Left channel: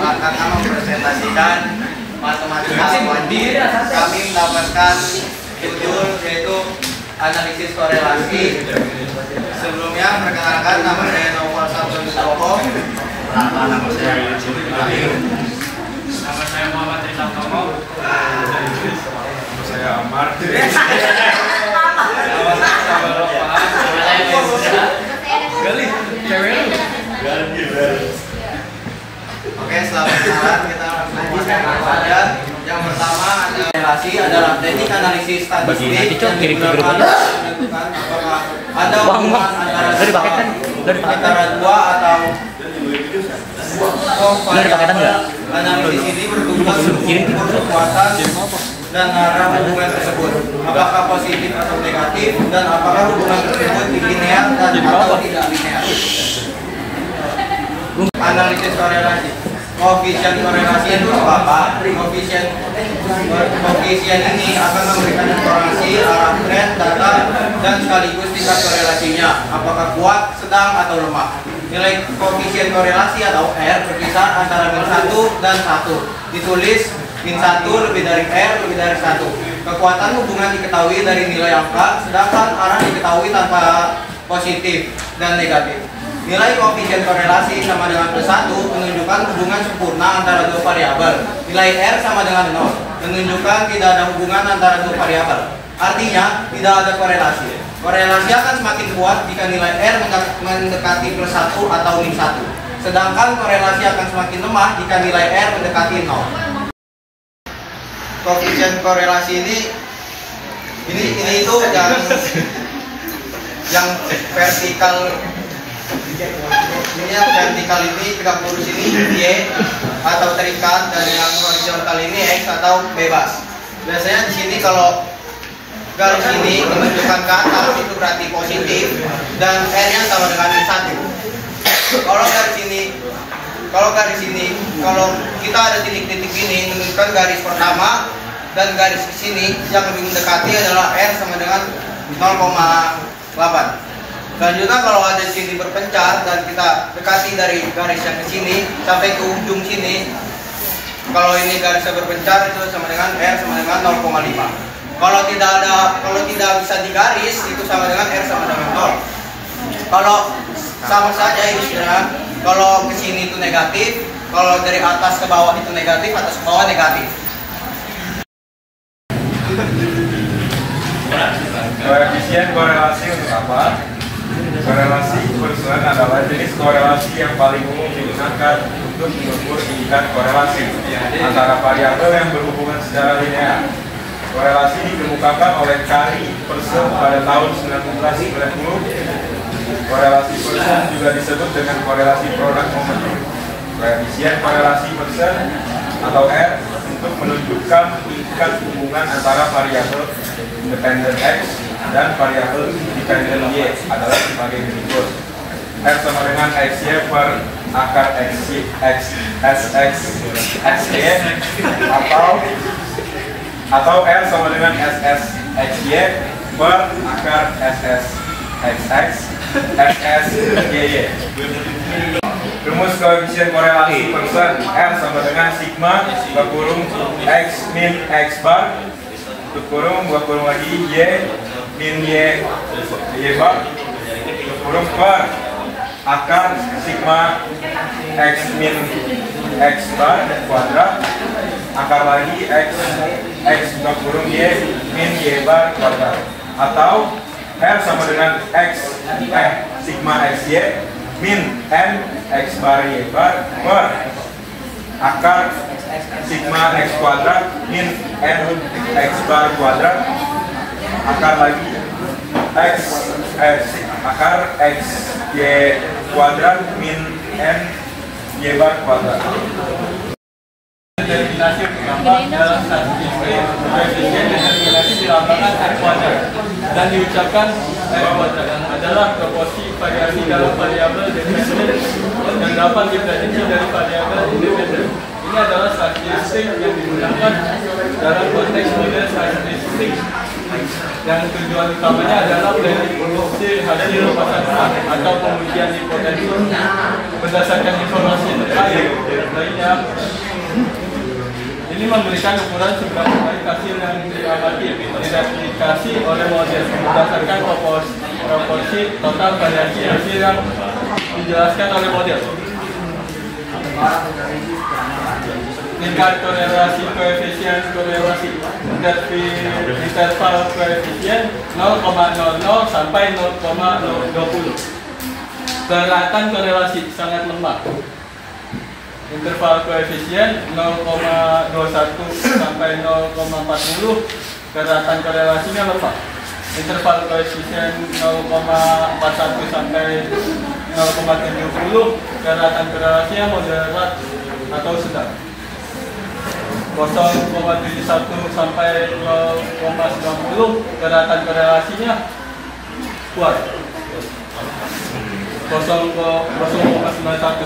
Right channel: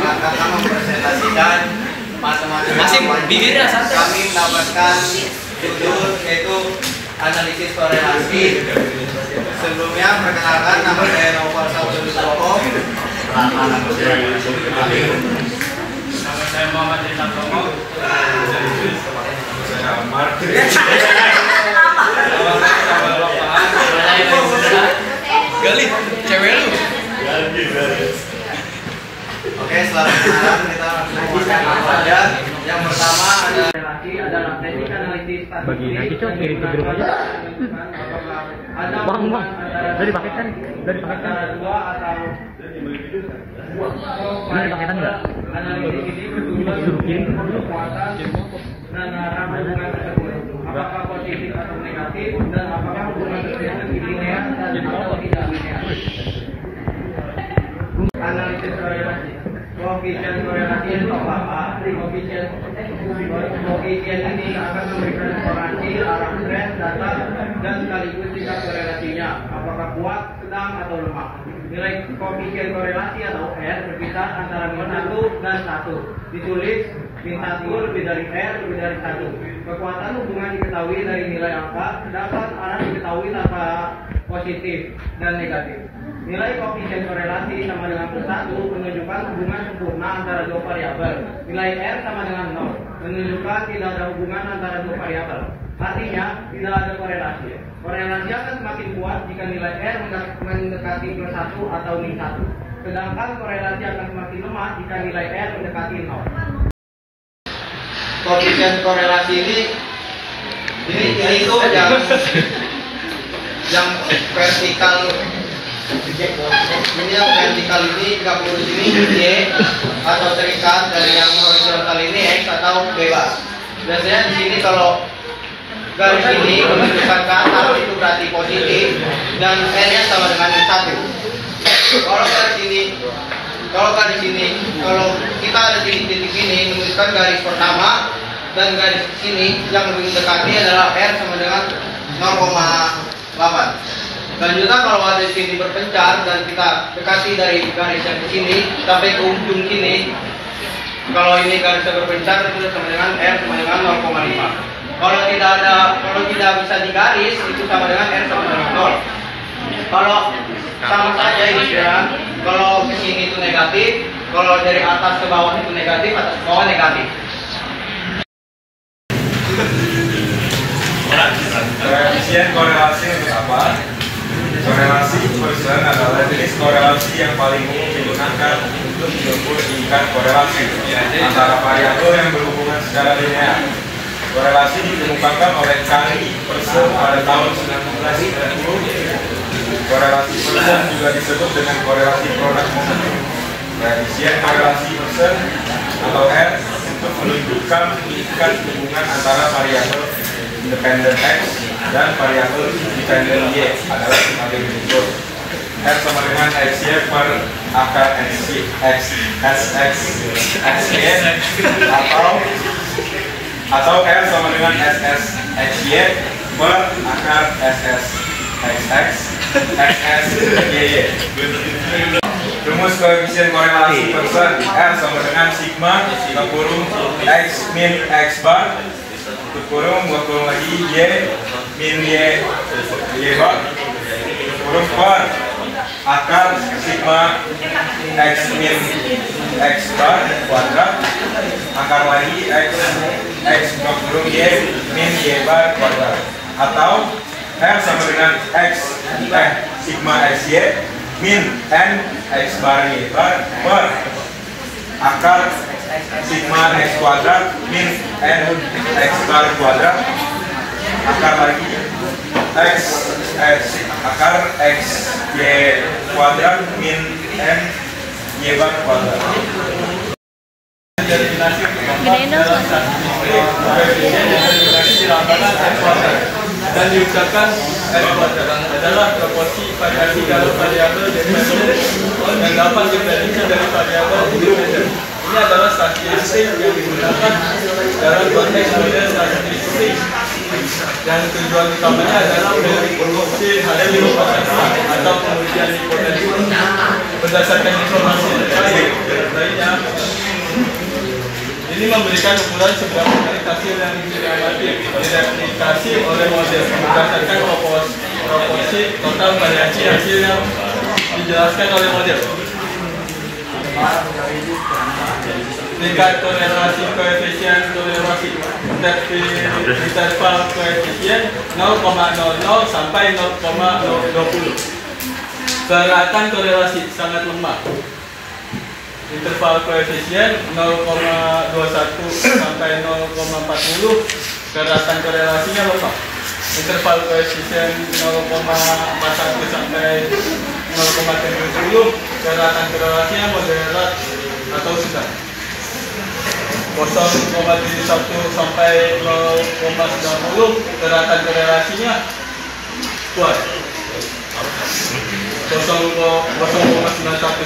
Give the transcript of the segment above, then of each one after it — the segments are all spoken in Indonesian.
akan mempresentasikan matematika kami mendapatkan judul yaitu analisis korelasi. Sebelumnya perkenalkan, nama saya Novel Sabtonugroho. Nama saya Muhammad Rita Tomo. Saya Amar. Gali, cewek lu. Oke, selamat kenalan, kita langsung saja. Yang pertama ada relasi, adalah teknik analisis statistik yang digunakan untuk menentukan apakah ada hubungan antara dua atau variabel. Analisis ini bertujuan untuk mengukur kekuatan dan arah hubungan tersebut, apakah positif atau negatif, dan apakah hubungan tersebut linear dan atau tidak linear. Analisis korelasi. Koefisien korelasi itu apa? Koefisien ini akan memberikan informasi arah tren, data, dan sekaligus tingkat korelasinya, apakah kuat, sedang, atau lemah. Nilai koefisien korelasi atau R berkisar antara -1 dan 1. Ditulis -1 lebih dari R lebih dari 1. Kekuatan hubungan diketahui dari nilai angka, sedangkan arah diketahui tanpa positif dan negatif. Nilai koefisien korelasi sama dengan +1 menunjukkan hubungan sempurna antara dua variabel. Nilai R sama dengan 0 menunjukkan tidak ada hubungan antara dua variabel. Artinya tidak ada korelasi. Korelasi akan semakin kuat jika nilai R mendekati +1 atau -1. Sedangkan korelasi akan semakin lemah jika nilai R mendekati 0. Koefisien korelasi ini itu yang vertikal. Ini yang vertikal ini tegak lurus ini Y atau terikat, dari yang horizontal ini X atau bebas. Biasanya di sini kalau garis ini menunjukkan ke atas itu berarti positif dan R-nya sama dengan 1. Kalau garis ini kalau kita ada titik-titik ini menunjukkan garis pertama, dan garis sini yang lebih mendekati adalah R sama dengan 0,8. Selanjutnya kalau ada sini berpencar dan kita dekati dari garis yang di sini sampai ke ujung sini, kalau ini garisnya berpencar itu sama dengan R sama dengan 0,5. Kalau tidak bisa digaris itu sama dengan R sama dengan 0. Kalau sama saja istilahnya, kalau ke sini itu negatif, kalau dari atas ke bawah itu negatif, atas ke bawah negatif. Koefisien korelasi untuk apa? Korelasi Pearson adalah jenis korelasi yang paling umum digunakan untuk mengukur tingkat korelasi antara variabel yang berhubungan secara linear. Korelasi dikemukakan oleh Kari Pearson pada tahun 1990. Korelasi Pearson juga disebut dengan korelasi produk momentum. Koefisien korelasi Pearson atau R untuk menunjukkan tingkat hubungan antara variabel independen X dan variabel independen Y adalah sebagai berikut. R sama dengan XY per akar XY atau R sama dengan XY per akar XY. Rumus koefisien korelasi Pearson. R sama dengan sigma kurung X min X bar kurung lagi Y min Y bar kurung per akar sigma X min X bar kuadrat akar lagi X kurung Y min Y bar kuadrat, atau R sama dengan sigma XY min N X bar Y bar per akar sigma X kuadrat min N X bar kuadrat akar lagi akar X Y kuadrat min N Y bar kuadrat. Determinasi dalam determinasi di lapangan X kuadrat dan diucapkan X kuadrat adalah proporsi variasi dalam variabel dependen dan dapat diprediksi dari variabel independen. Ini adalah statistik yang digunakan dalam konteks model statistik dan tujuan utamanya adalah prediksi hasil pasar atau pengujian hipotesis berdasarkan informasi terkait lainnya ini memberikan ukuran seberapa kali hasil yang diamati direplikasi oleh model berdasarkan proporsi total variasi hasil yang dijelaskan oleh model. Tingkat toleransi koefisien toleransi interval koefisien 0,00 sampai 0,020. Kelihatan korelasi sangat lemah. Interval koefisien 0,21 sampai 0,40, kelihatan korelasinya lemah. Interval koefisien 0,41 sampai 0,70, kelihatan korelasinya moderat atau sedang. 0,71 sampai 0,90, kelihatan korelasinya kuat. 0,91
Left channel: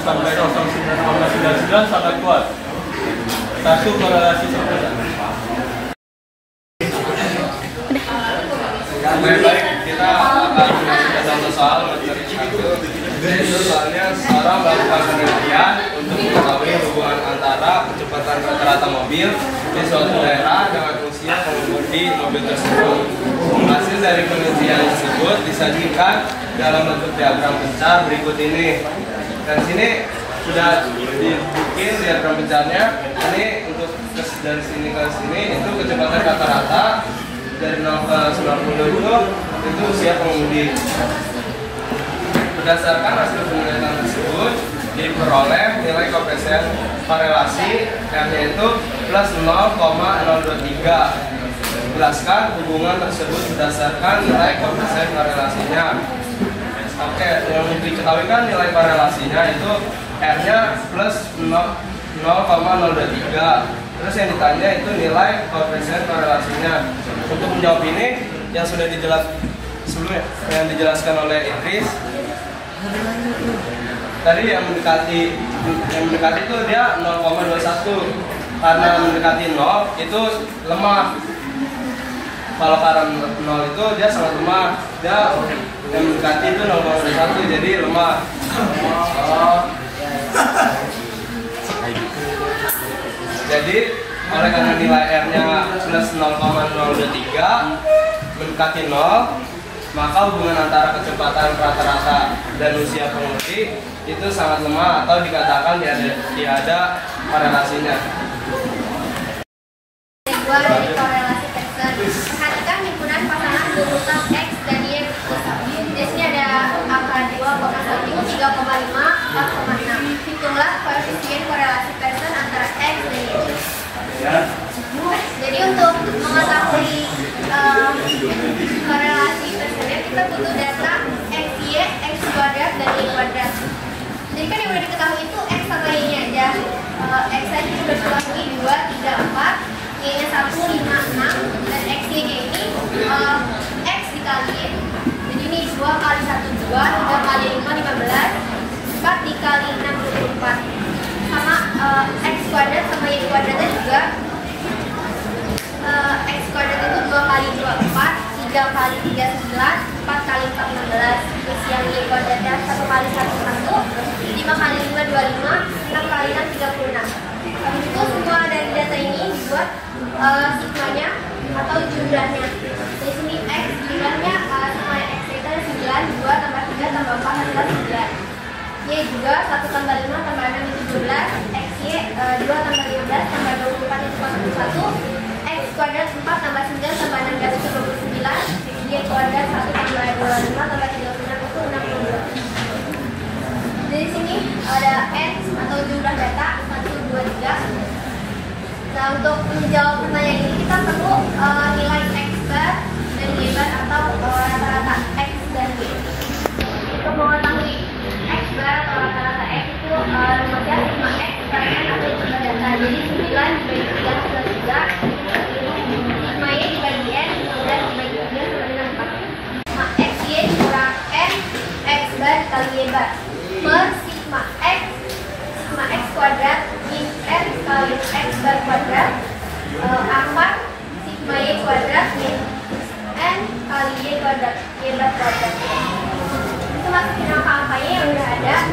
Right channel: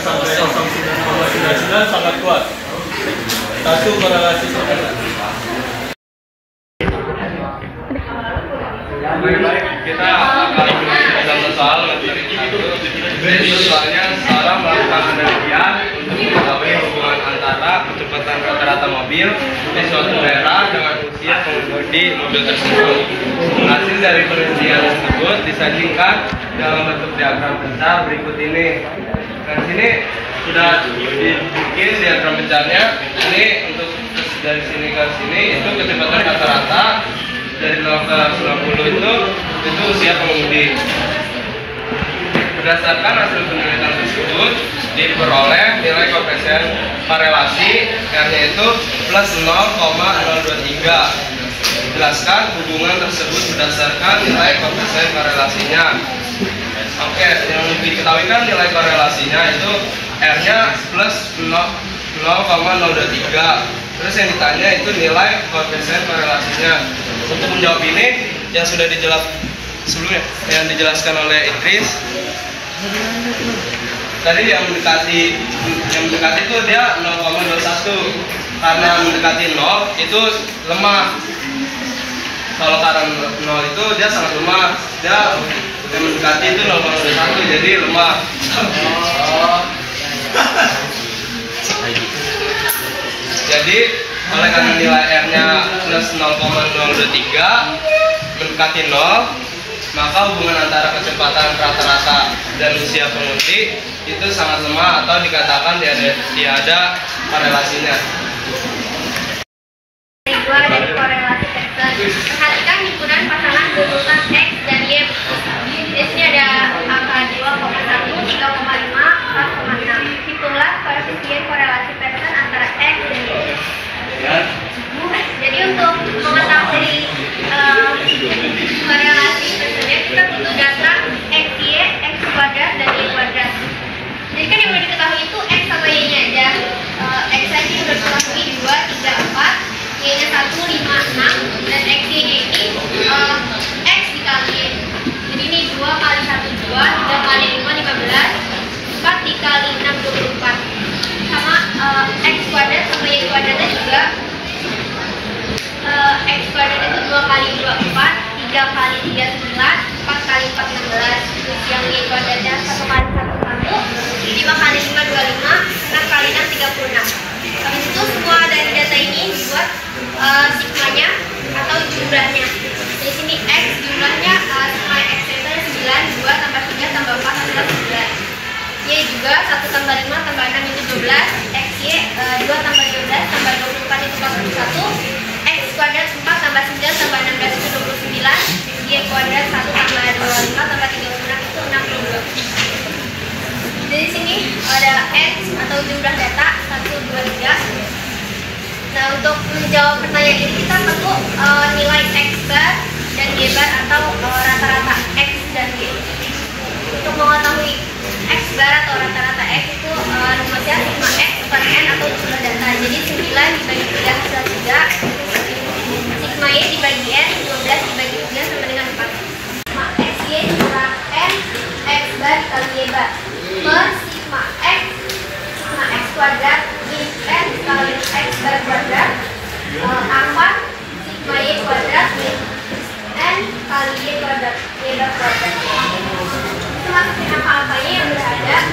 sampai 0,99 sangat kuat. Satu korelasi terkena. Baik, kita akan bersama soal materi itu. Soalnya sekarang melakukan penelitian untuk mengetahui hubungan antara kecepatan rata-rata mobil di suatu daerah dengan usia pengemudi mobil tersebut. Hasil dari penelitian tersebut disajikan dalam bentuk diagram bencar berikut ini. Dan sini sudah dibikin diagram bencarnya. Ini untuk dari sini ke sini itu kecepatan rata-rata dari 0 ke 90 itu usia pengemudi. Berdasarkan hasil penelitian tersebut diperoleh nilai koefisien korelasi R-nya itu plus 0,023. Jelaskan hubungan tersebut berdasarkan nilai koefisien korelasinya. Oke, yang diketahui kan nilai korelasinya itu R-nya plus 0,023. Terus yang ditanya itu nilai koefisien korelasinya. Untuk menjawab ini yang sudah dijelaskan sebelumnya, yang dijelaskan oleh Idris. Tadi yang mendekati itu dia 0,21. Karena mendekati 0 itu lemah. Kalau karena 0 itu dia sangat lemah. Dia yang mendekati itu 0,21 jadi lemah. Jadi oleh karena nilai R-nya plus 0,023 mendekati 0, maka hubungan antara kecepatan rata-rata dan usia pengemudi itu sangat lemah atau dikatakan tiada korelasinya. Dua dari korelasi tersebut. Perhatikan himpunan pasangan urutan X dan Y. Di sini ada angka 2,1, 3,5, 4,6. Hitunglah koefisien korelasi person antara X dan Y. Jadi untuk mengetahui korelasi personnya kita butuh data X, Y, X kuadrat dan Y kuadrat. Jadi kan yang udah diketahui itu X sama Y nya aja. X aja udah diketahui 2, 3, 4. Y-nya 1, 5, 6, dan X-Y-nya ini X dikali. Jadi ini 2 kali 1, 2, 3 kali 5, 15, 4 dikali 6, 24. Sama X kuadrat sama Y kuadratnya juga. X kuadrat itu 2 kali 2, 4, 3 kali 3, 9, 4 kali 4, 16. Terus yang Y kuadratnya 1 kali 1, 1, 5 kali 5, 25, 6 kali 6, 36. Habis itu semua dari data ini dibuat sigmanya atau jumlahnya. Di sini X jumlahnya sigma X itu 9, 2 tambah 3 tambah 4 adalah 9. Y juga 1 tambah 5 tambah 6 itu 12. X Y 2 tambah 12 tambah 24 itu 41. X kuadrat 4 tambah 9 tambah 16 itu 29. Y kuadrat 1 tambah 25 tambah 36 itu 62. Di sini ada X atau jumlah data 1, 2, 3. Nah, untuk menjawab pertanyaan ini kita perlu nilai X bar dan Y bar atau rata-rata X dan Y. Untuk mengetahui X bar atau rata-rata X itu rumusnya sigma X per N atau jumlah data. Jadi 9 dibagi 3 hasil 3. Sigma Y dibagi N, 15 dibagi 3 sama dengan 4. Sigma X Y kurang N X bar kali Y bar per sigma X kuadrat min N kali X bar kuadrat angka sigma Y kuadrat min N kali Y kuadrat Y bar kuadrat. Itu masukin angka-angkanya yang udah ada.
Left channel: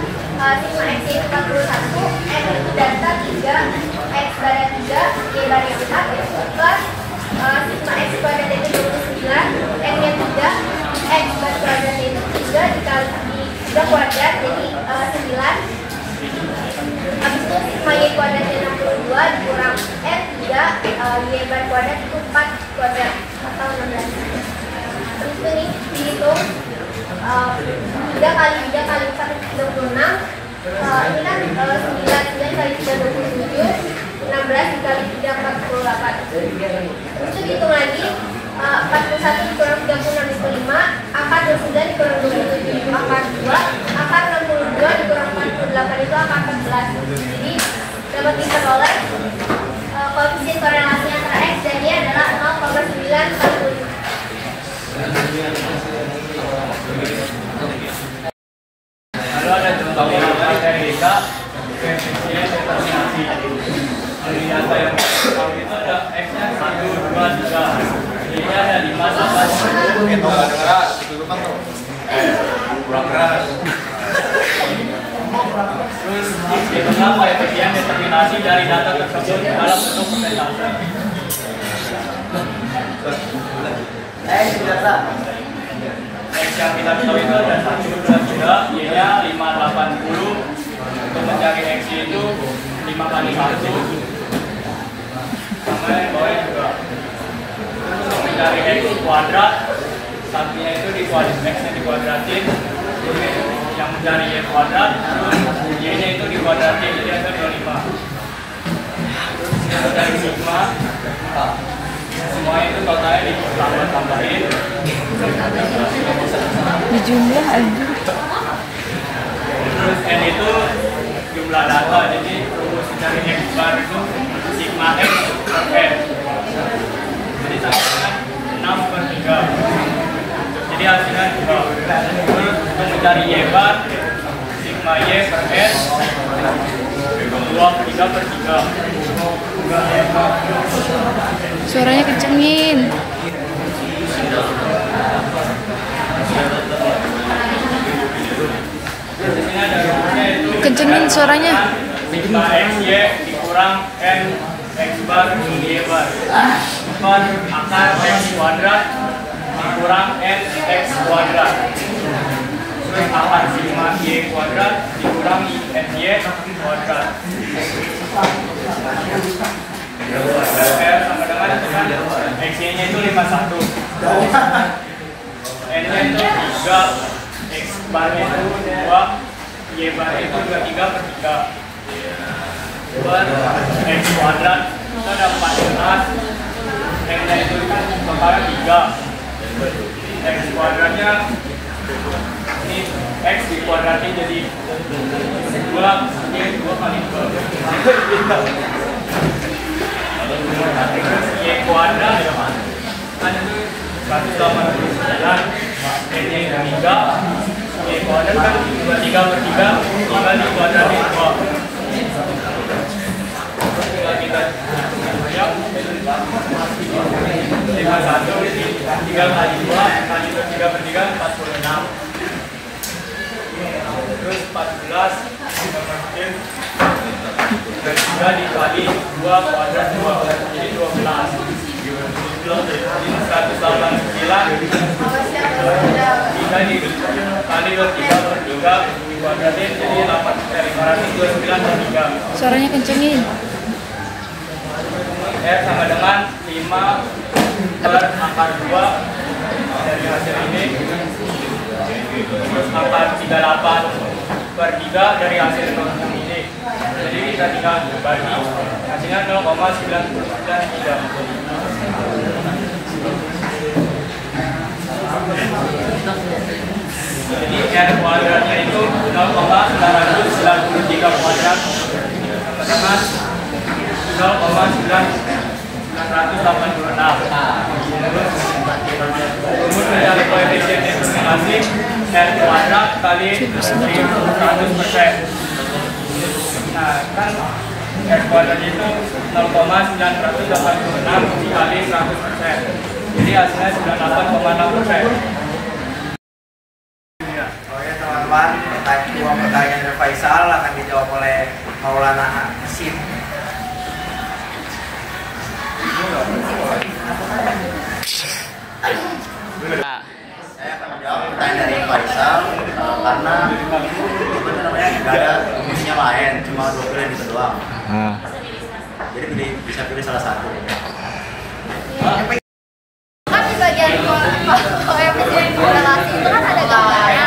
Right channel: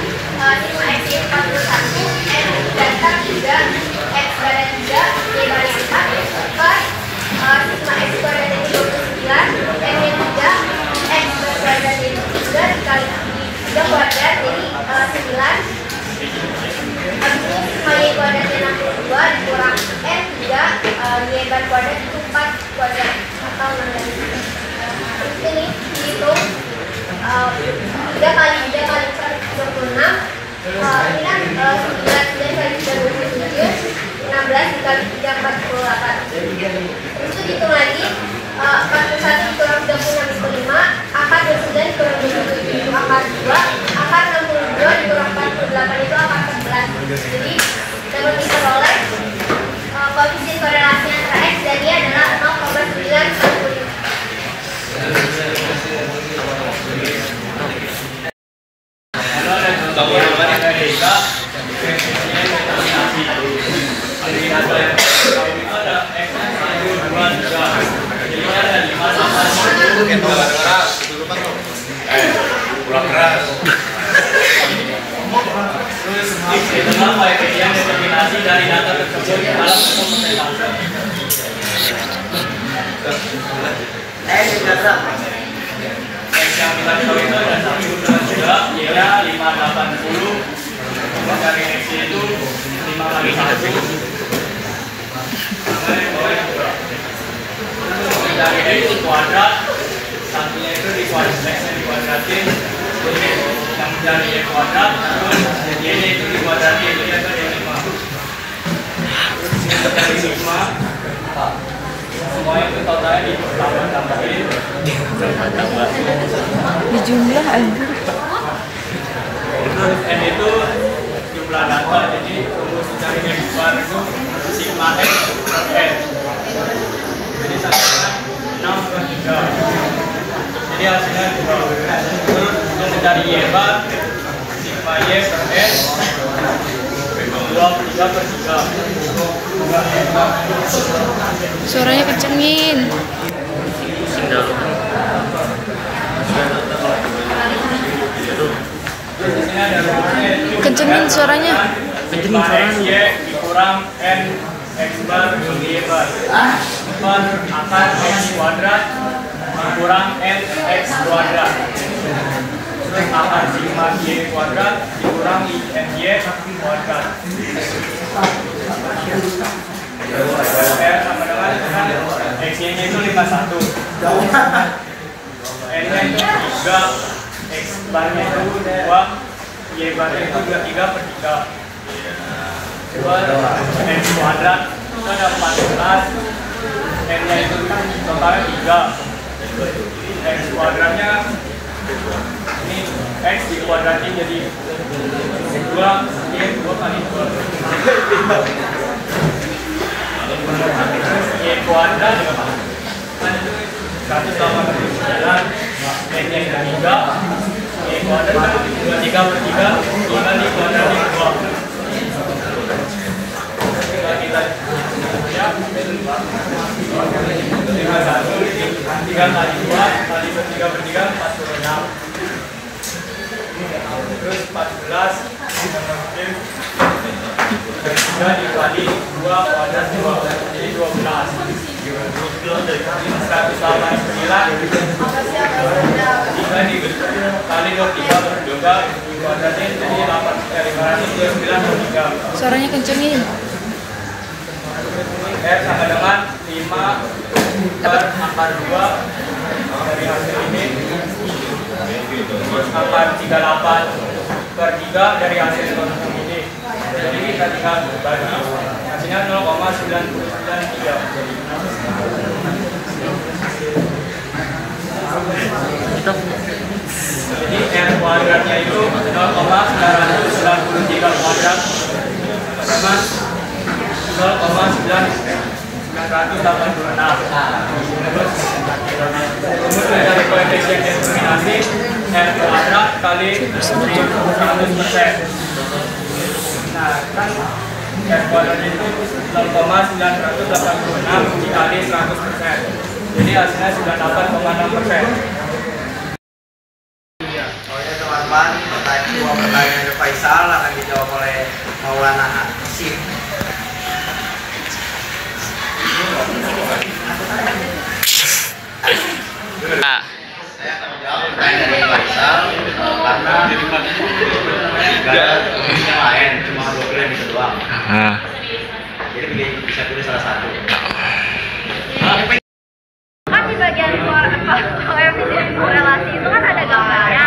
Sigma X Y 41, N data 3, kuadrat itu 4 kuadrat atau 16. Terus ini dihitung 3 kali 4 itu 36. Ini kan 9 kali 3 27, 16 dikali 3 48. Terus itu dihitung lagi 41 dikurang 36 itu 5, akar 29 dikurang 27 itu akar 2, akar 62 dikurang 48 itu akar 11. Jadi dapat diperoleh koefisien korelasi antara X dan Y adalah 0,995. Lalu ada contoh yang dari Eka, definisinya determinasi. Dari data yang pertama itu ada X-nya 1, 2, 3. Jadi ada 5 sama 10. Terus di tengah koefisien determinasi dari data tersebut dalam bentuk persentase. X yang kita ketahui itu ada 1, 2, 3, Y-nya 5, 80. Untuk mencari X itu 5 kali 1 sama yang bawah juga. Untuk mencari X kuadrat, satunya itu X-nya dikuadratin. Jadi yang mencari Y kuadrat, Y-nya itu dikuadratin, jadi ada 25. Terus untuk mencari sigma, semuanya itu totalnya ditambah-tambahin dijumlah aja. Terus N itu jumlah data, jadi rumus mencari X bar itu sigma X per N. Jadi sama dengan 6 per 3. Jadi hasilnya 2. Terus untuk mencari Y bar, sigma Y per N 2 per 3 per 3. Suaranya kencengin. Terus di sini ada rumusnya itu Kencengin suaranya. sigma X Y dikurang N X bar Y bar per akar X kuadrat dikurang N X kuadrat. Terus akar sigma Y kuadrat dikurang N Y kuadrat. R sama dengan X-nya itu 51, N-nya itu 3, X barnya itu 2, Y barnya itu 23 per 3 per X kuadrat itu ada 14, N-nya itu totalnya 3, X kuadratnya ini X dikuadratin jadi 2, ini 2 kali 2. Terus Y kuadrat kan itu 189, N-nya itu 3, Y kuadrat kan 23 per 3, 5 dikuadratin 2. Terus tinggal kita ya 51 ini 3 kali 2 kali 3 per 3 46. Terus 14 kita masukin 3 dikali 2 kuadrat 2 jadi 12. Jadi 189 3 dikali 3 per 3 dikuadratin jadi 529 per 3. Suaranya kencengin. R sama dengan 5 per akar 2 dari hasil ini. Terus akar 38 per 3 dari hasil yang ini. Jadi kita tinggal bagi, hasilnya 0,993. Jadi R kuadratnya itu 0,993 kuadrat sama dengan 0,986. Terus rumus mencari koefisien determinasi R kuadrat kali 100%. Nah kan R kuadrat itu 0,986 dikali 100%. Jadi hasilnya 98,6%. Teman-teman, dua pertanyaan dari Faisal akan dijawab oleh Maulana Hasim. Saya akan menjawab pertanyaan dari Faisal karena nggak ada yang lain, cuma 2 pilihan itu doang. Jadi bisa pilih salah satu. Kan di bagian koefisien korelasi itu kan ada gambarnya.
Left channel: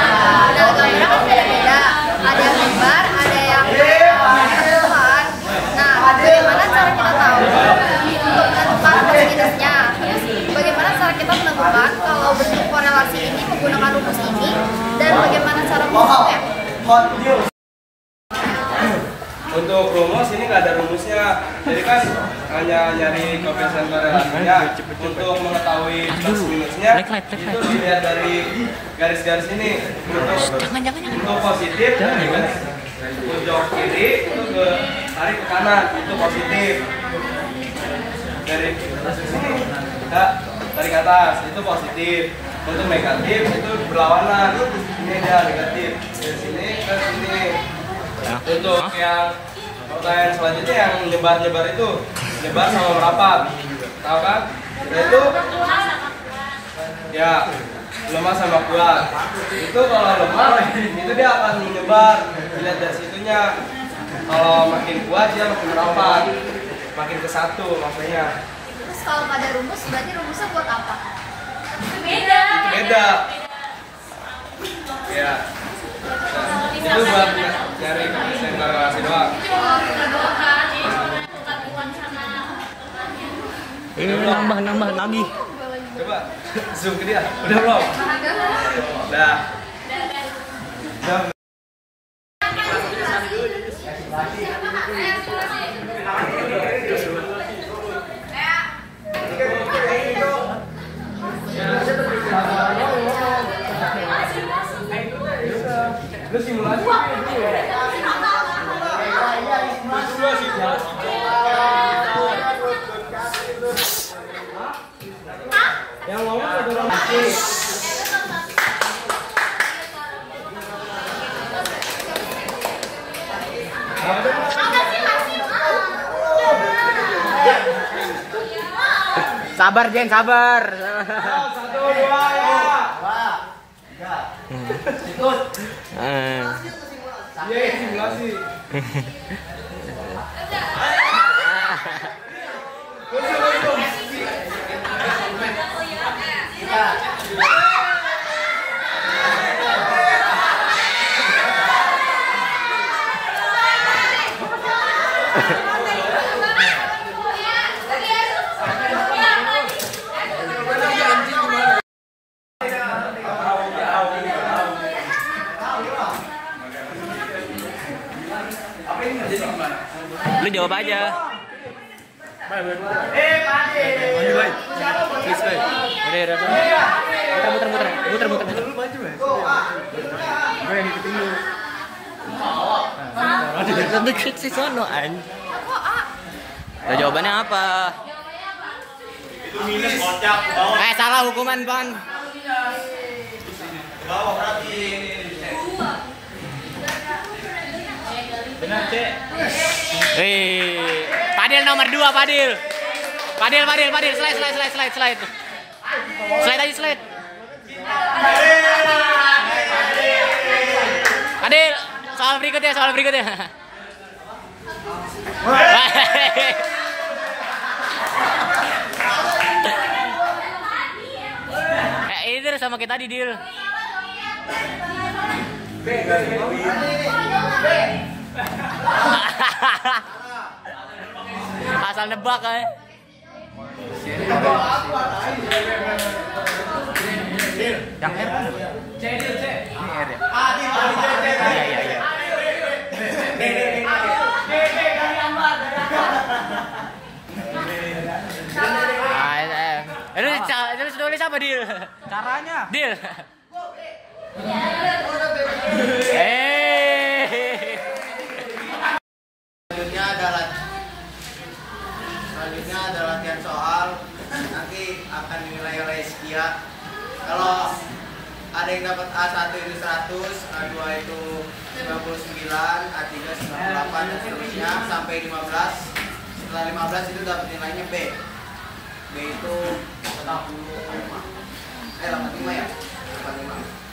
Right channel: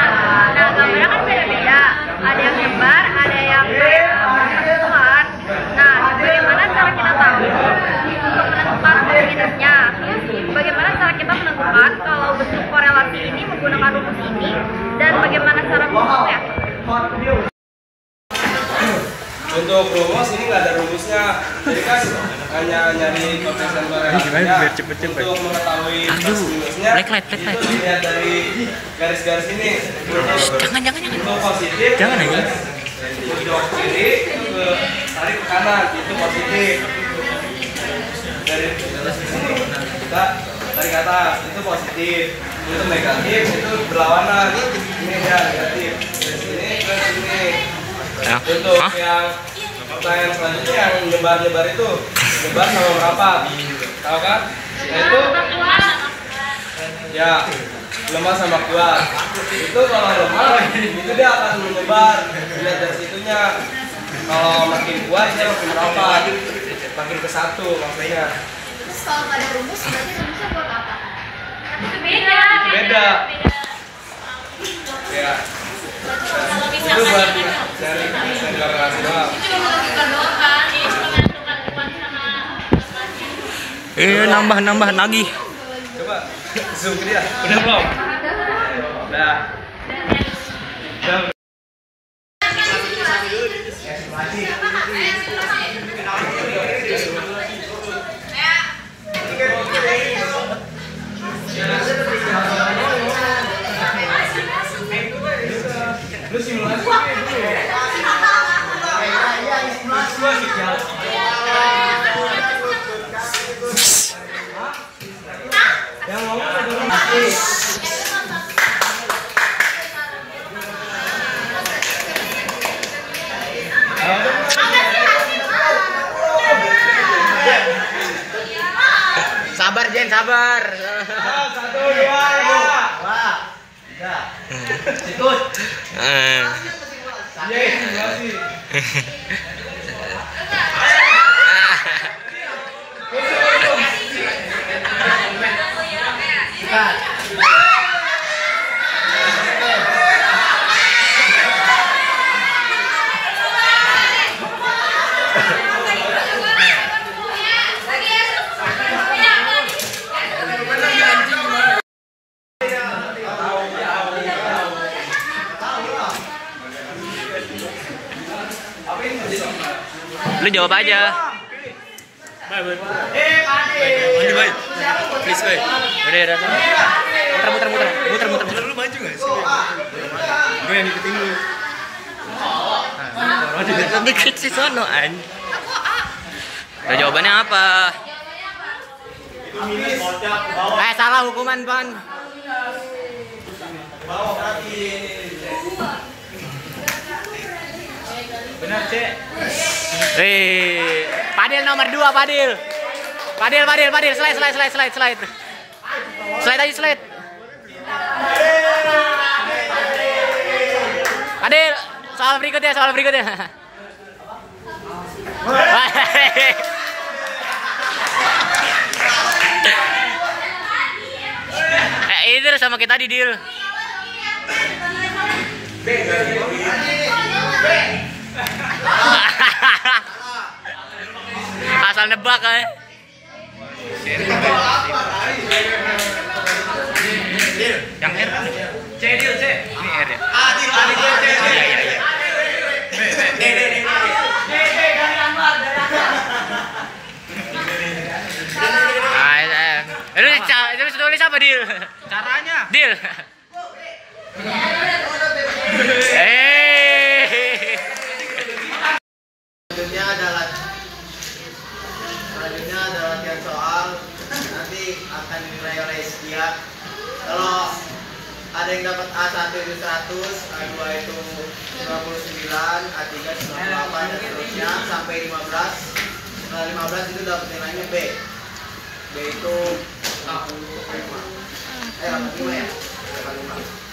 Nah, gambarnya kan beda-beda. Ada yang nyebar, ada yang penentuan. Nah, bagaimana cara kita tahu untuk menentukan kosinusnya? Terus bagaimana cara kita menentukan kalau bentuk korelasi ini menggunakan rumus ini dan bagaimana cara menghitungnya? Untuk rumus ini nggak ada rumusnya, jadi kan hanya nyari koefisien korelasinya. Untuk mengetahui plus minusnya itu dilihat dari garis-garis ini. Untuk positif, untuk kiri itu ke tarik ke kanan, itu positif. Dari sini kita tarik ke atas, itu positif. Untuk negatif itu berlawanan, ini dia negatif. Dari sini ke sini. Untuk yang pertanyaan selanjutnya yang nyebar-nyebar itu nyebar sama merapat, tahu kan? Nah itu ya lemah sama kuat. Itu kalau lemah itu dia akan menyebar, lihat dari situnya. Kalau makin kuat dia makin merapat, makin ke satu maksudnya. Terus kalau nggak ada rumus, berarti rumusnya buat apa? Itu beda. Itu beda. Ya. Itu buat nyari koefisien korelasi doang. Nambah lagi. Coba zoom ke dia. Udah belum? Udah. Lu simulasi dulu ya. Yang ngomong ada orang Sabar Jen, sabar. 1, 2 ya. Wah. 3. Ikut. Iya, simulasi. Lu jawab aja. Muter. Lu maju nggak sih? Gue yang ngikutin lu. Dikit sih sono an. Jawabannya apa? Salah hukuman Pan. Benar, Cek. Padil nomor 2, Padil. Padil, slide. Slide aja, slide. Padil, soal berikutnya. Ini terus sama kita di deal. Asal nebak Yang R kan? C. Ini R ya? Iya. Terus tulis apa Dil? Caranya. Dil. Selanjutnya ada latihan soal, nanti akan dinilai oleh Setia. Kalau ada yang dapat A1 itu 100, A2 itu 99, A3 98 dan seterusnya sampai 15. Setelah 15 itu dapat nilainya B. B itu 85. 85 ya? 85.